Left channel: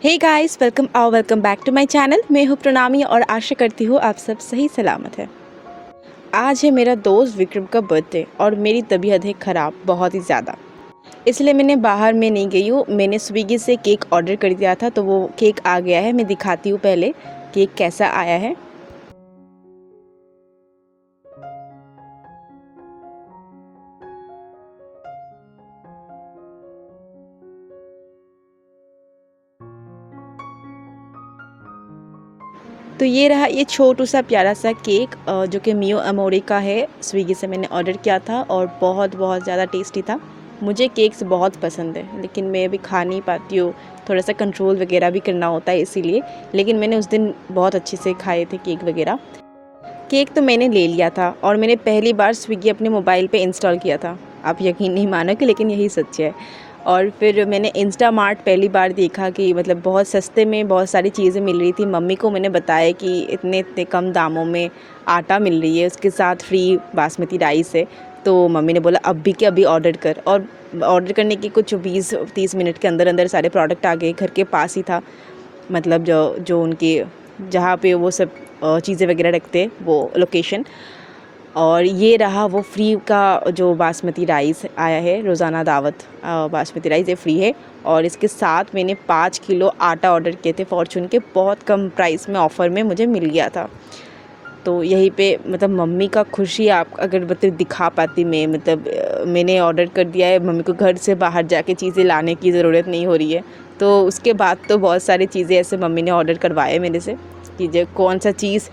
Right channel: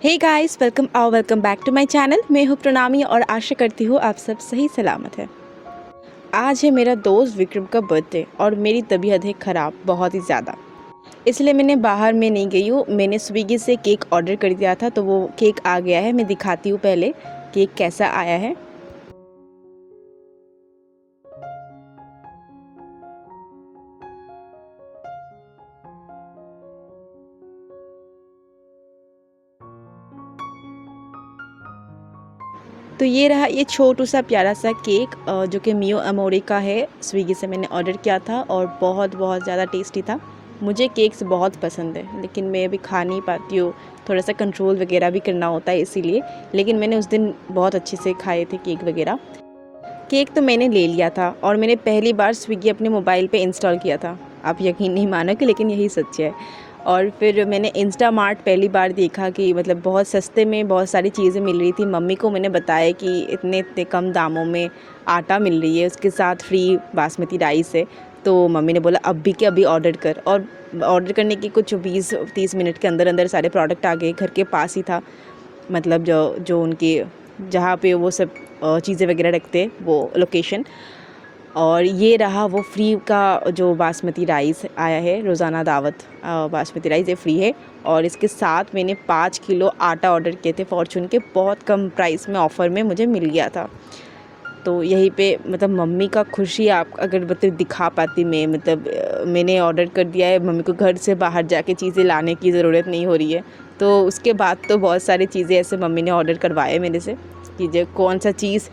Hey guys, welcome back to my channel. मैं हूँ प्रणामी और आशा करती हूँ आप सब सही सलामत हैं। आज है मेरा दोस्त विक्रम का बर्थडे और मेरी तबीयत है ख़राब बहुत ही ज़्यादा, इसलिए मैंने बाहर में नहीं गई हूँ। मैंने स्विगी से केक ऑर्डर कर दिया था, तो वो केक आ गया है। मैं दिखाती हूँ पहले केक कैसा आया है। तो ये रहा ये छोटू सा प्यारा सा केक जो कि मियो अमोरे का है। स्विगी से मैंने ऑर्डर किया था और बहुत बहुत ज़्यादा टेस्टी था। मुझे केक्स बहुत पसंद है, लेकिन मैं अभी खा नहीं पाती हूँ। थोड़ा सा कंट्रोल वगैरह भी करना होता है इसीलिए। लेकिन मैंने उस दिन बहुत अच्छे से खाए थे केक वगैरह। केक तो मैंने ले लिया था और मैंने पहली बार स्विगी अपने मोबाइल पे इंस्टॉल किया था। आप यकीन नहीं मानोगे, लेकिन यही सच है। और फिर मैंने इंस्टामार्ट पहली बार देखा कि मतलब बहुत सस्ते में बहुत सारी चीज़ें मिल रही थी। मम्मी को मैंने बताया कि इतने इतने कम दामों में आटा मिल रही है, उसके साथ फ्री बासमती राइस है। तो मम्मी ने बोला अभी के अभी ऑर्डर कर, और ऑर्डर करने की कुछ 20-30 मिनट के अंदर अंदर सारे प्रोडक्ट आ गए। घर के पास ही था, मतलब जो जो उनके जहाँ पे वो सब चीज़ें वगैरह रखते हैं वो लोकेशन। और ये रहा वो फ्री का जो बासमती राइस आया है। रोज़ाना दावत बासमती राइस ये फ्री है। और इसके साथ मैंने 5 किलो आटा ऑर्डर किए थे फॉर्चून के, बहुत कम प्राइस में ऑफ़र में मुझे मिल गया था। तो यहीं पे मतलब मम्मी का खुशी आप अगर मतलब दिखा पाती मैं, मतलब मैंने ऑर्डर कर दिया है, मम्मी को घर से बाहर जाके चीज़ें लाने की ज़रूरत नहीं हो रही है। तो उसके बाद तो बहुत सारी चीज़ें ऐसे मम्मी ने ऑर्डर करवाए मेरे से कि जो कौन सा चीज़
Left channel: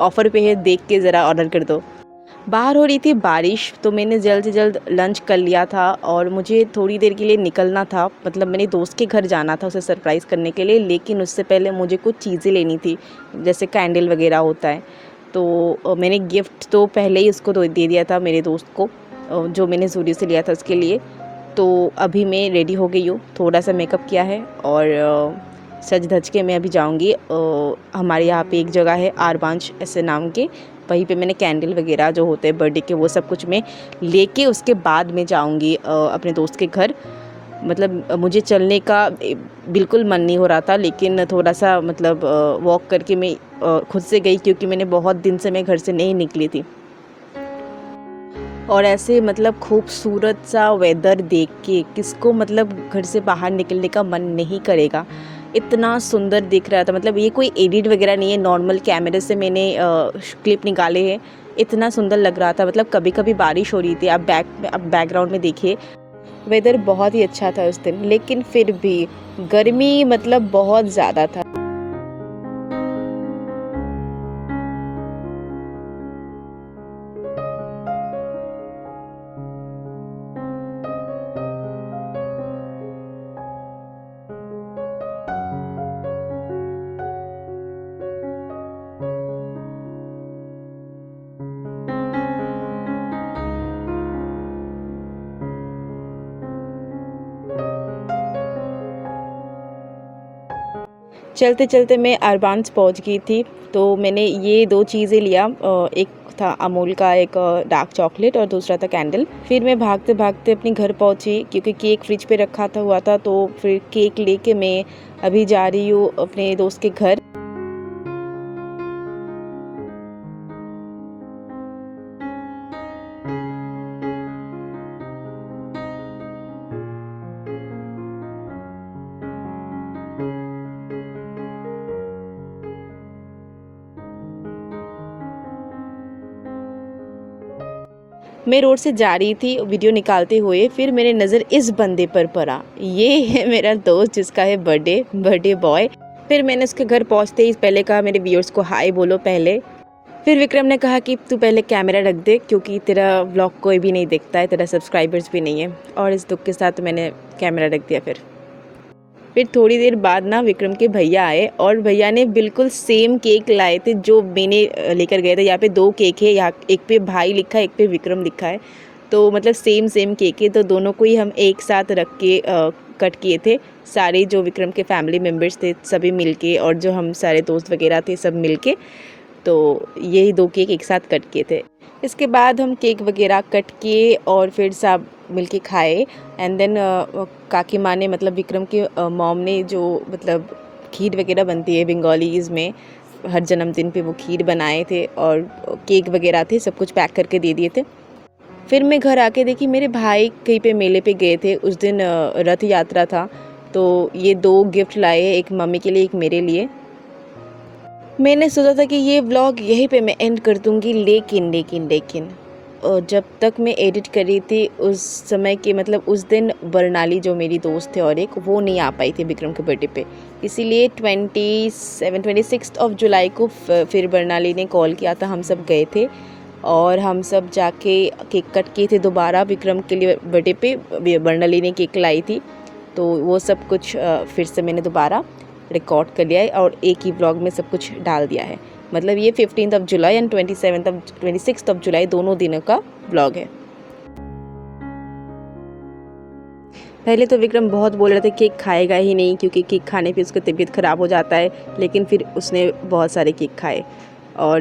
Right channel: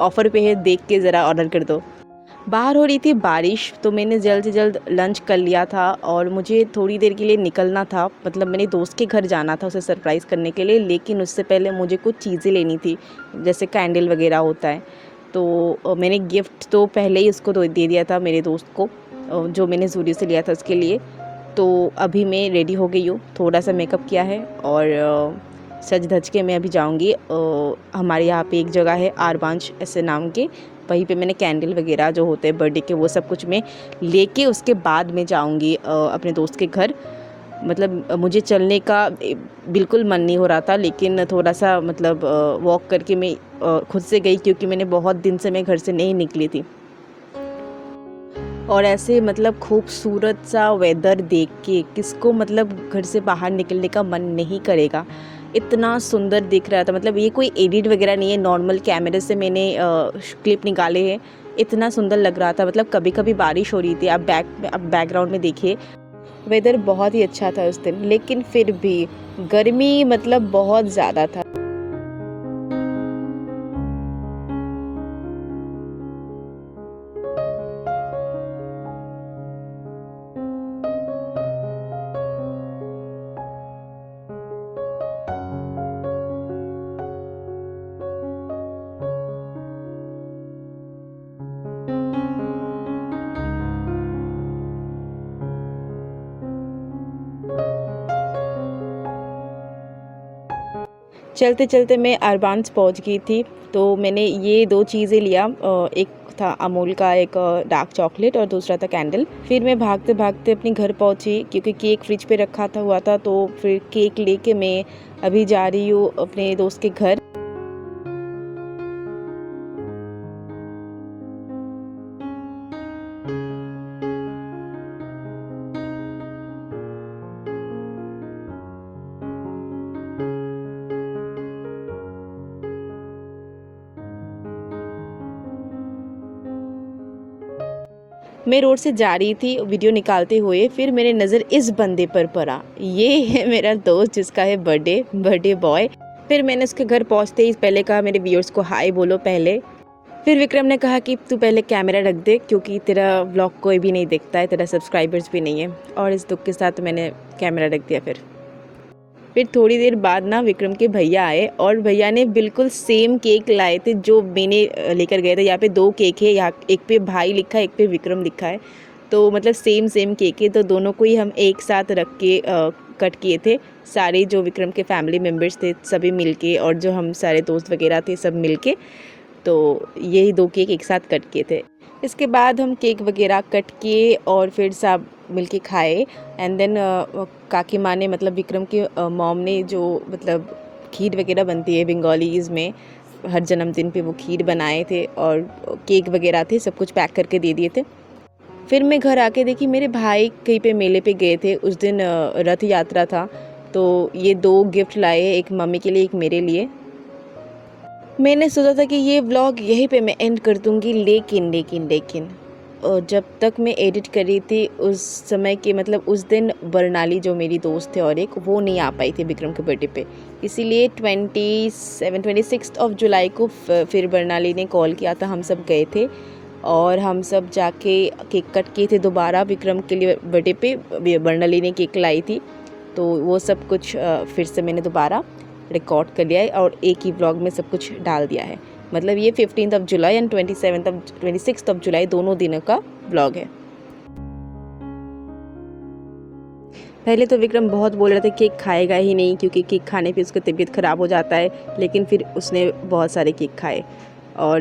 ऑफ़र पे है देख के ज़रा ऑर्डर कर दो। बाहर हो रही थी बारिश, तो मैंने जल्द से जल्द लंच कर लिया था और मुझे थोड़ी देर के लिए निकलना था। मतलब मेरे दोस्त के घर जाना था उसे सरप्राइज़ करने के लिए, लेकिन उससे पहले मुझे कुछ चीज़ें लेनी थी, जैसे कैंडल वगैरह होता है। तो मैंने गिफ्ट तो पहले ही उसको दे दिया था मेरे दोस्त को, जो मैंने ज़ूडियो से लिया था उसके लिए। तो अभी मैं रेडी हो गई हूँ, थोड़ा सा मेकअप किया है और सज धज के मैं अभी जाऊँगी। हमारे यहाँ पे एक जगह है आरबांच ऐसे नाम की, वहीं पे मैंने कैंडल वगैरह जो होते हैं बर्थडे के वो सब कुछ मैं लेके उसके बाद मैं जाऊँगी अपने दोस्त के घर। मतलब मुझे चलने का बिल्कुल मन नहीं हो रहा था, लेकिन थोड़ा सा मतलब वॉक करके मैं खुद से गई, क्योंकि मैंने बहुत दिन से मैं घर से नहीं निकली थी। और ऐसे मतलब खूबसूरत सा वेदर देख के किसको मतलब घर से बाहर निकलने का मन नहीं करेगा। इतना सुंदर दिख रहा था, मतलब ये कोई एडिट वगैरह नहीं है, नॉर्मल कैमरे से मैंने क्लिप निकाले हैं। इतना सुंदर लग रहा था। मतलब कभी कभी बारिश हो रही थी, आप बैकग्राउंड में देखिए। वेदर बहुत ही अच्छा था उस दिन, लेकिन फिर भी गर्मी मतलब बहुत ज़्यादा था। चलते चलते मैं अरबांस पहुंच गई थी। तो मैंने ये 2 चीज़ें लिया, एक था अमूल का एक डार्क चॉकलेट और दूसरा था कैंडल। फिर मैं भागते भागते अपने घर पहुंची, क्योंकि केक फ्रिज पे रखा था हुआ था। तो फिर केक लेके मैं अभी जा रही हूँ अपने दोस्त के घर। मैं रोड से जा रही थी वीडियो निकालते हुए, फिर मेरे नज़र इस बंदे पर पड़ा। ये है मेरा दोस्त जिसका है बर्थडे बॉय। फिर मैंने उसके घर पहुंचते ही पहले कहा मेरे व्यूअर्स को हाय बोलो पहले। फिर विक्रम ने कहा कि तू पहले कैमरा रख दे, क्योंकि तेरा व्लॉग कोई भी नहीं देखता है, तेरा सब्सक्राइबर्स भी नहीं है। और इस दुख के साथ मैंने कैमरा रख दिया। फिर थोड़ी देर बाद ना विक्रम के भैया आए और भैया ने बिल्कुल सेम केक लाए थे जो मैंने लेकर गए थे। यहाँ पे 2 केक है, यहाँ एक पे भाई लिखा है, एक पे विक्रम लिखा है। तो मतलब सेम केक है, तो दोनों को ही हम एक साथ रख के कट किए थे। सारे जो विक्रम के फैमिली मेम्बर्स थे सभी मिलके, और जो हम सारे दोस्त वगैरह थे सब मिलके। तो यही 2 केक एक साथ कट किए थे। इसके बाद हम केक वगैरह कट किए और फिर सब मिलके खाए। एंड देन काकी माँ ने, मतलब विक्रम के मॉम ने, जो मतलब खीर वगैरह बनती है बंगालीज़ में, हर जन्मदिन पे वो खीर बनाए थे और केक वगैरह थे, सब कुछ पैक करके दे दिए थे। फिर मैं घर आके देखी मेरे भाई कहीं पे मेले पे गए थे, उस दिन रथ यात्रा था, तो ये 2 गिफ्ट लाए, एक मम्मी के लिए एक मेरे लिए। मैंने सोचा था कि ये व्लॉग यहीं पे मैं एंड कर दूँगी, लेकिन जब तक मैं एडिट कर रही थी उस समय के मतलब उस दिन बरनाली जो मेरी दोस्त है और एक वो नहीं आ पाई थी विक्रम के बर्थडे पे, इसीलिए 26 ऑफ जुलाई को फिर बरनाली ने कॉल किया था, हम सब गए थे और हम सब जाके केक कट किए थे दोबारा विक्रम के लिए बर्थडे पे। बरनाली ने केक लाई थी, तो वो सब कुछ फिर से मैंने दोबारा रिकॉर्ड कर लिया है और एक ही ब्लॉग में सब कुछ डाल दिया है। मतलब ये 15 जुलाई एंड 26 जुलाई दोनों दिनों का ब्लॉग है। पहले तो विक्रम बहुत बोल रहे थे केक खाएगा ही नहीं क्योंकि केक खाने पे उसकी तबीयत ख़राब हो जाता है, लेकिन फिर उसने बहुत सारे केक खाए और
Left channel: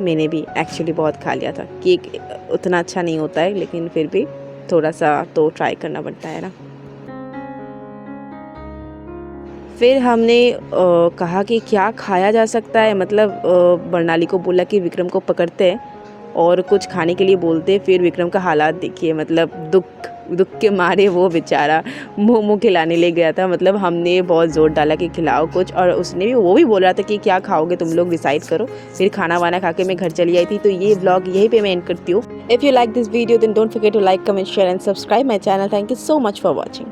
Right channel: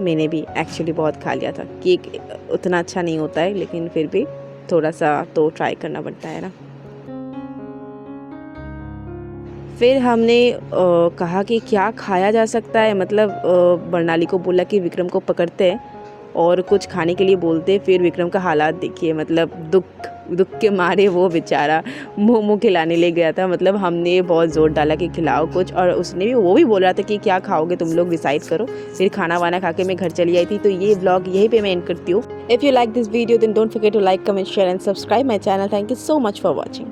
मैंने भी एक्चुअली बहुत खा लिया था। केक उतना अच्छा नहीं होता है, लेकिन फिर भी थोड़ा सा तो ट्राई करना पड़ता है ना। फिर हमने कहा कि क्या खाया जा सकता है, मतलब बरनाली को बोला कि विक्रम को पकड़ते हैं और कुछ खाने के लिए बोलते हैं। फिर विक्रम का हालात देखिए, मतलब दुख के मारे वो बेचारा मोमो खिलाने ले गया था। मतलब हमने बहुत ज़ोर डाला कि खिलाओ कुछ, और वो भी बोल रहा था कि क्या खाओगे तुम लोग डिसाइड करो। फिर खाना वाना खा के मैं घर चली आई थी। तो ये ब्लॉग यहीं पे मैं एंड करती हूँ। If you like this video then don't forget to like, comment, share and subscribe my channel. Thank you so much for watching.